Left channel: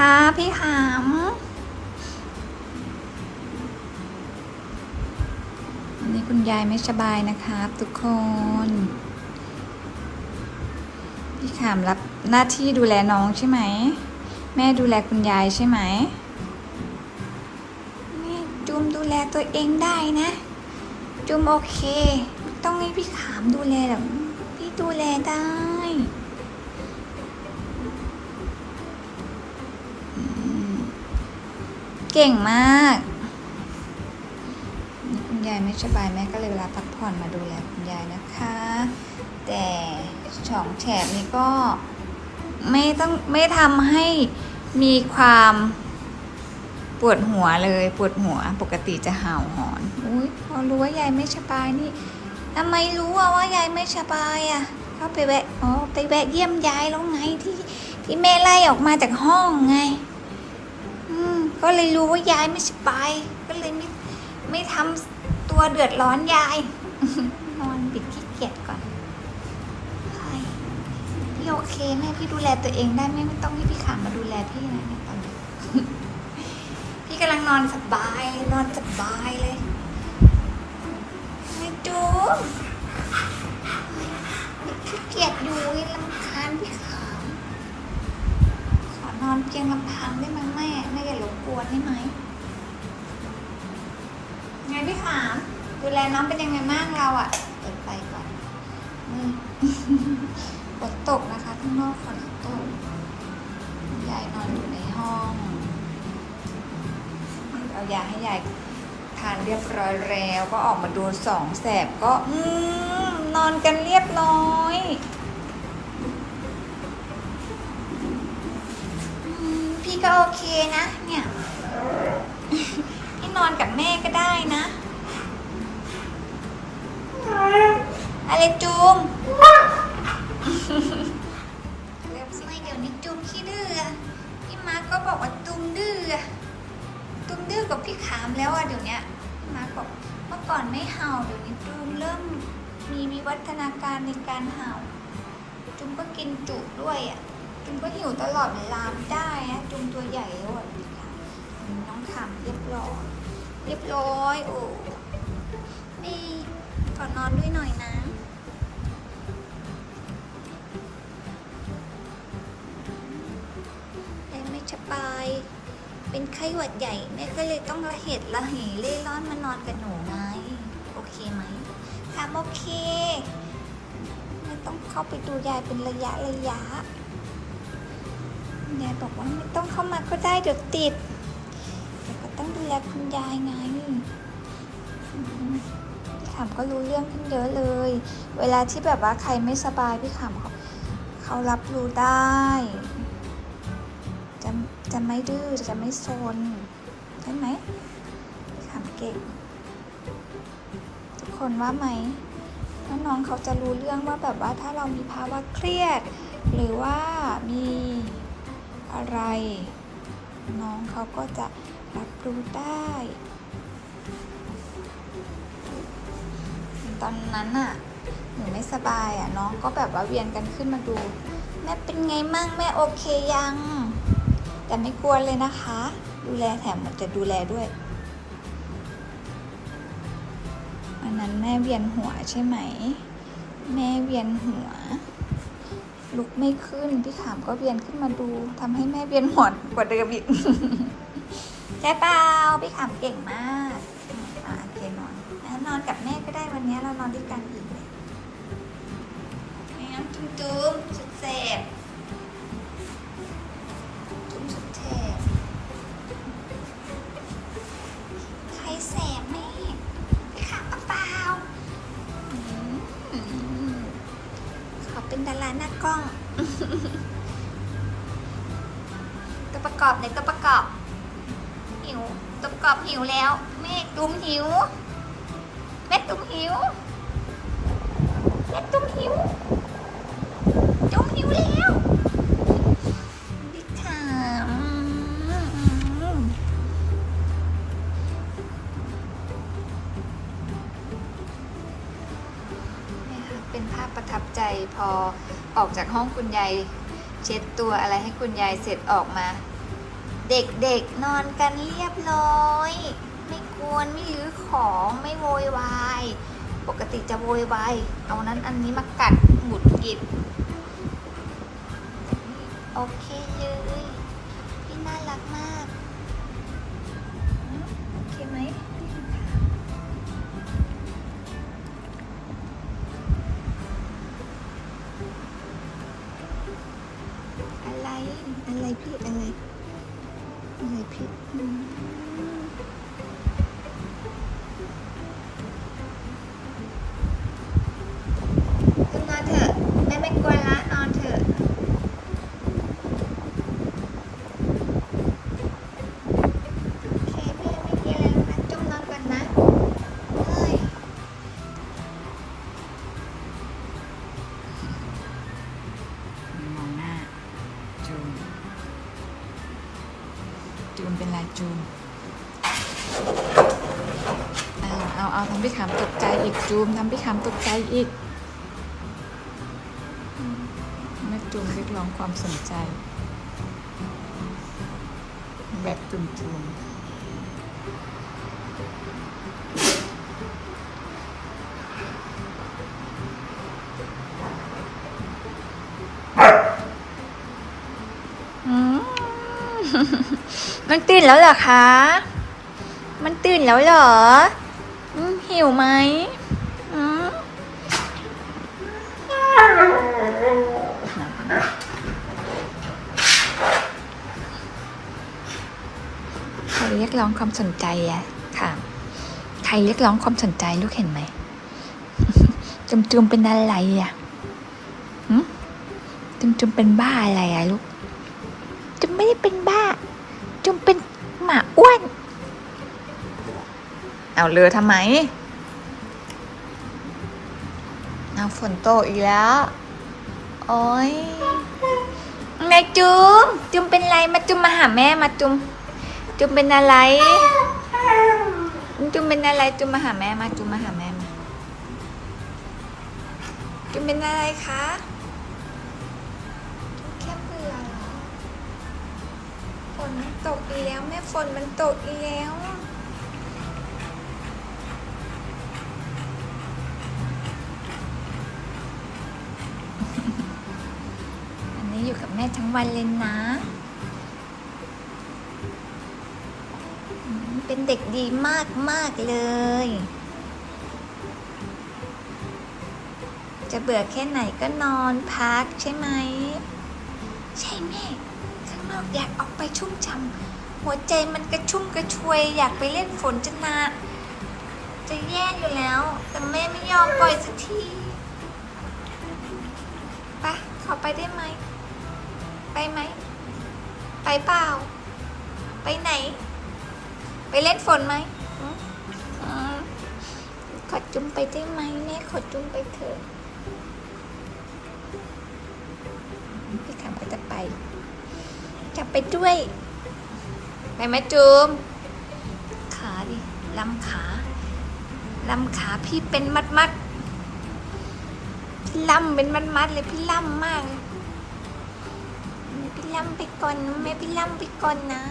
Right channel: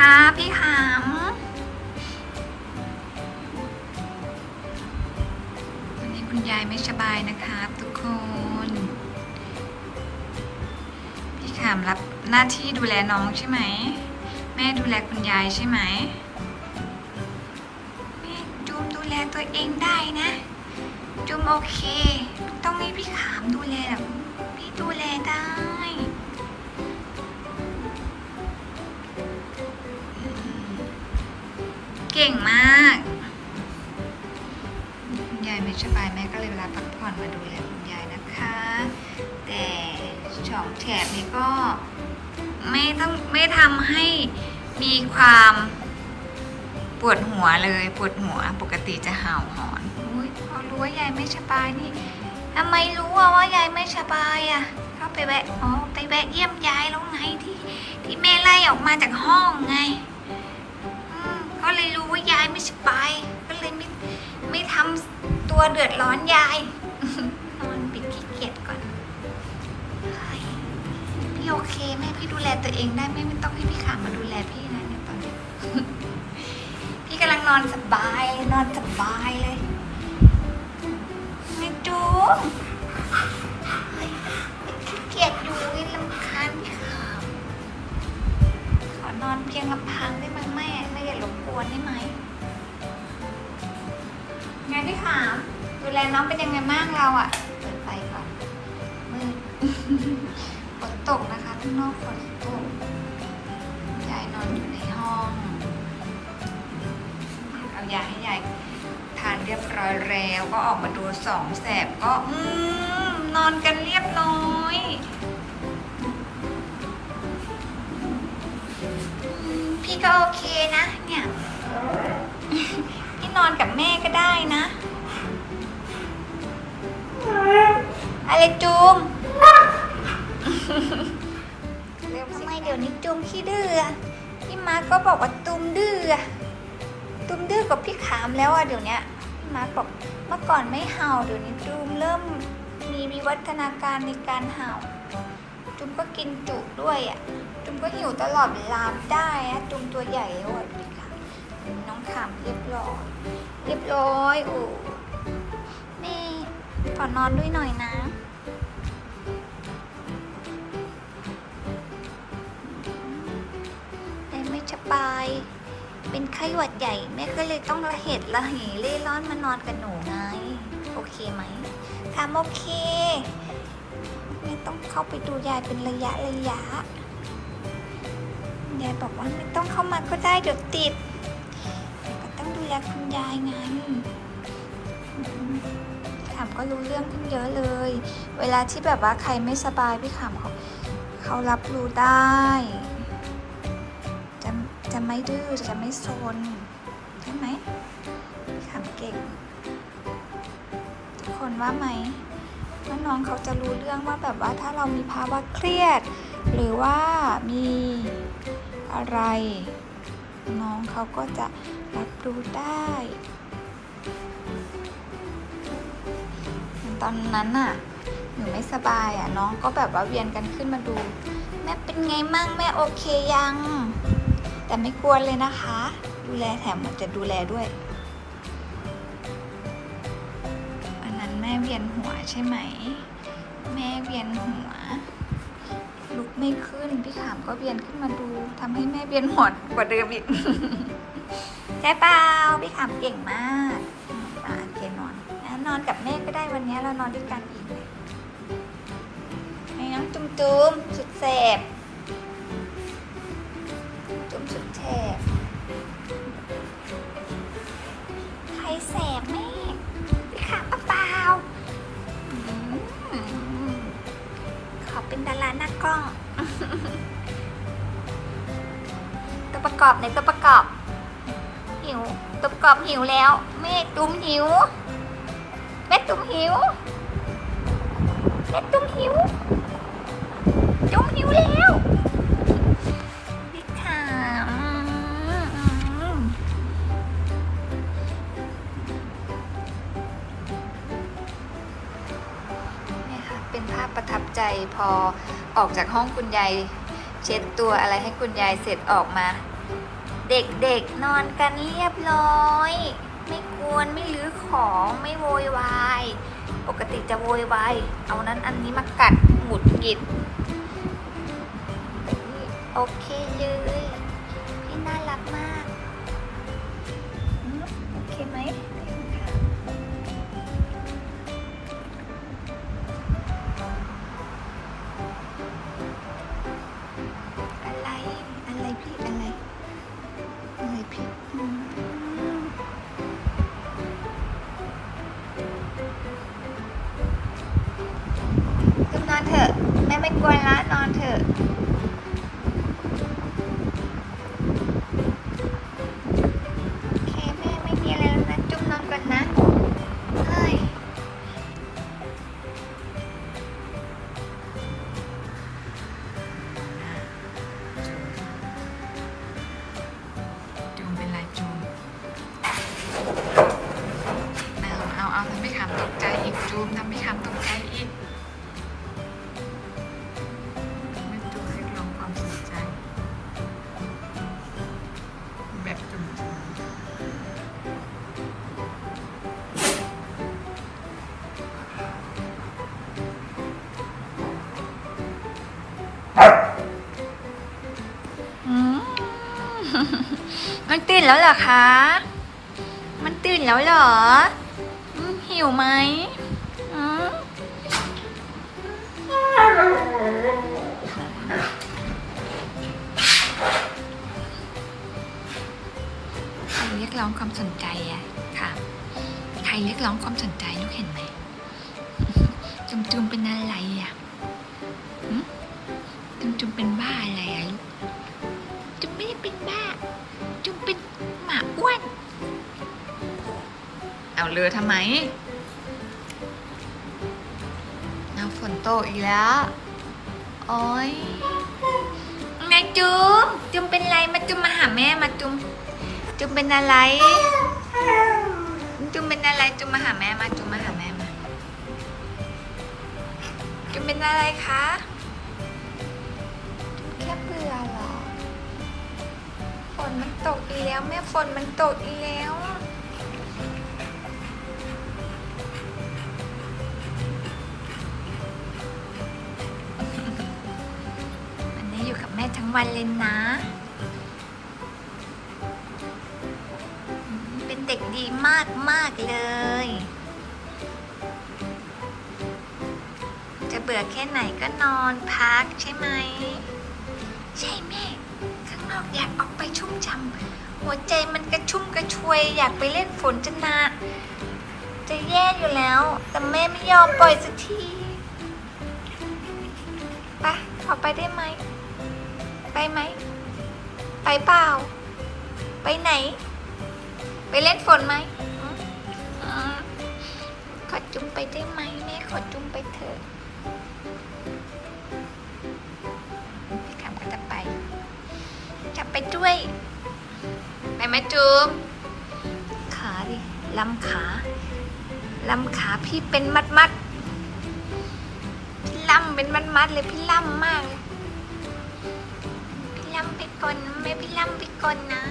คะพี่ขามวันนี้คุณยายไม่สบายนะครับทุกคน พี่ขามรับหน้าที่ดูแลน้องใช่ไหม แม่ดูแลคุณยายใช่ไหมแม่จูมดูแลตัวเองได้นะจูมโอเค ต้องให้พี่ขามดูแลหรอพี่ดูแลได้ เก่งมากคุณยายไม่สบายแม่ก็เลยเวลาพักผ่อนมาดูแลคุณยายนะคะ แต่ช่องแฉบนี้ก็ไม่ต้องไม่ทำให้มีความปวดหัวเลยปวดหัวปกติจะเห่าหอนอุ้ยพอรู้ว่ายายไม่สบายนี่ทำไมรู้ว่ายายไม่สบายอะเข้าไปแวะอ๋อไปแวะเยี่ยมยายแล้วไงที่ที่แม่ไล่ออกมาจากห้องไง ก็เลยรู้ว่ายายไม่สบาย ก็เลยไม่ไม่ทำตัวเดือดร้อนยาย นอนปิดขี้เกียจก่อน พี่โอเคแม่พี่ดูแลตัวเองได้ไม่ไม่ต้องให้พี่ขามาดูแลพี่นะตอนนี้พี่กำลังนอนสบายนอนสบายเลยไม่จูขี้เกียจอยู่ลำคาญพี่ขามขอนอน เพียงลำพังได้ไหมแม่แม่อย่ารบกวนได้ไหมไงพี่ขามดูแลน้องเป็นยังไงบ้างเราอะ่ะ เปิดไฟก่อนมืดฝนตกนะคะข้างนอกฝนตกยายนอนอยู่ในห้องเอายาให้ยายทานเรียบร้อยแล้ว ก็ออกมาดูสองแสบก็ อืมนอนกันเรียบร้อย ก็โอเคนะ เนี่ย พี่นอนกับแม่ก็ได้นะ อะไรจูมทำไมเดี๋ยวนี้จูมขี้ดื้อพี่มาร์คก็บอกว่าตูมดื้อตูมดื้อกว่าพี่ขามแล้วอะเดี๋ยวนี้พี่มาร์คบอกเมื่อก่อนไม่เห่าเดี๋ยวนี้จูมเริ่มมีวิวัฒนาการในการเห่าจุมก็กินจุด้วยอะ จุมก็หิวตลอดเวลาไม่ได้ะจุมตัวใหญ่แล้วน้องขำเรียบร้อย เรียบร้อยโอ้แม่ขอนอนด้วยหน่อยนะไม่สบาย เป็นไข้หวัดใหญ่แม่ก็เลยต้องระเหตุระเหเล่ร่อนมานอนกับหนูไง โอเคไหมถามโอเค ไม่ต้องเข้าไปดูยายเป็นระยะระยะ ยายบอกว่าไม่ต้องเข้ามาก็ได้เดี๋ยวติดแต่ก็ต้องดูแลคุณยายไงอืมพี่ขำก็รู้เรื่องขึ้นเยอะเลย เวลาที่แบบว่าใครไม่สบายพี่ขำเขาเขารับรู้ได้ จะจะไม่ดื้อจะไม่โซนใช่ไหมพี่ขำเก่ง ทุกคนว่าไหมว่าน้องเขาจะรู้เรื่องว่าแบบว่าถ้าเรามีภาวะเครียด หรือว่ามี อะไร น้องเขาก็จะรับรู้ได้ตอนนั้นอะหนูไม่สบายอะน้องก็แบบว่าเวียนกันขึ้นมาดู แม่เป็นไงมั่งแม่โอเคยัง แต่ไม่กลัวเลยนะคะ ดูแลแถมมันจะดูแลด้วยอันนั้นแม่เวียนหัวใช่ไหม แม่เวียนหัว ลุกไม่ขึ้นพี่ขามก็เวียนขึ้นมาดูทำให้แม่เวียนหัวกว่าเดิมอีกใช่เปล่าพี่ขามเก่งมากอ่าโอเคนอนแล้วนอนกับแม่ก็ได้วันนี้เรานอนด้วยกันอีกแม่น้ำจุ้มจุ้มสุดแสบจุ้มสุดแสบ เป็นดาราหน้ากล้อง ตัวประกอบในตัวประกอบ หิว ตัวประกอบหิวแล้ว แม่ตุ้มหิว แม่ตุ้มหิว แม่ตุ้มหิว ตุ้มหิวแล้ว อออกจากห้องคุณยายเช็ดตัวอะไรให้คุณยายเสร็จออกมา เด็กๆนอนกันเรียบร้อย ไม่กวนไม่รื้อของไม่โวยวายปกติจะโวยวายเอานั้นอันนี้มากัดหมุดกิดแต่นี่โอเคเลยพี่น่ารักมาก กวนละนอนเถอะโอเคแม่ไม่มีอะไรแล้วนะ จุ๊บนอนก่อนนะเฮ้ยมองหน้าจูมจูมเป็นไรจูมเอาเอาเอาทำพี่ขามตกใจอีกจูมทำพี่ขามตกใจอีก ร้องความสนใจ แบบจุนจูมอืมมันตื่นแล้วเหรอคะ มันตื่นแล้วเหรอ หิวไหม เรียกร้องความสนใจอะค่ะ ใครเรียกร้องความสนใจลูกเห็นไหมจุมจุมเป็นอะไรอะหึจุมจุมเป็นบ้าอะไรอะลูกจุมไม่ได้เป็นบ้า จุมเป็นหมาอ้วน เอาเรือทำไมเอาฝนโตกอีกแล้วโอ้ยแม่จุมจุมเป็นไรมาจุมมาหาแม่มาจุม จุมเป็นอะไร จุมเป็นอะไร จุมมาหาแม่มา จุมมาหาแม่มา จุมเป็นอะไรคะจุมแค่เบื่อเหรอ ฝนมันตกอีกแล้วแม่ฝนมันตกอีกแล้ววันนี้อยู่กับแม่ทั้งวันเลยนะ เด็กดีมากมากเลย จะเบื่อแค่ไหนก็นอนพักใช่ไหม ใช่แม่ ข้างนอกอยากออกไปชุ่มฉ่ำหัวใจมันกระชุ่มกระชวย อยากไปเล่นฝนจะนาจะแย่อยู่แล้ว แต่แม่ไม่ยอมปล่อยสักทีไปขอไปได้ไหม ไปไหม ไปเปล่า ไปไหน ไปเล่นฝนไหมอืมอ่าขอจุ่มไปได้ไหมแม่ขอจุ่มไปเถอะพี่ขำก็จะไป จะไปด้วย ไปไหมจุ่มขาดิลำขาลำขาพี่เป็นมัดมัดพี่ล่ำเป็นมัดมัดเลยพี่ล่ำมากพี่ล่ำไปก่อนนะแม่พี่ล่ำไปก่อนนะ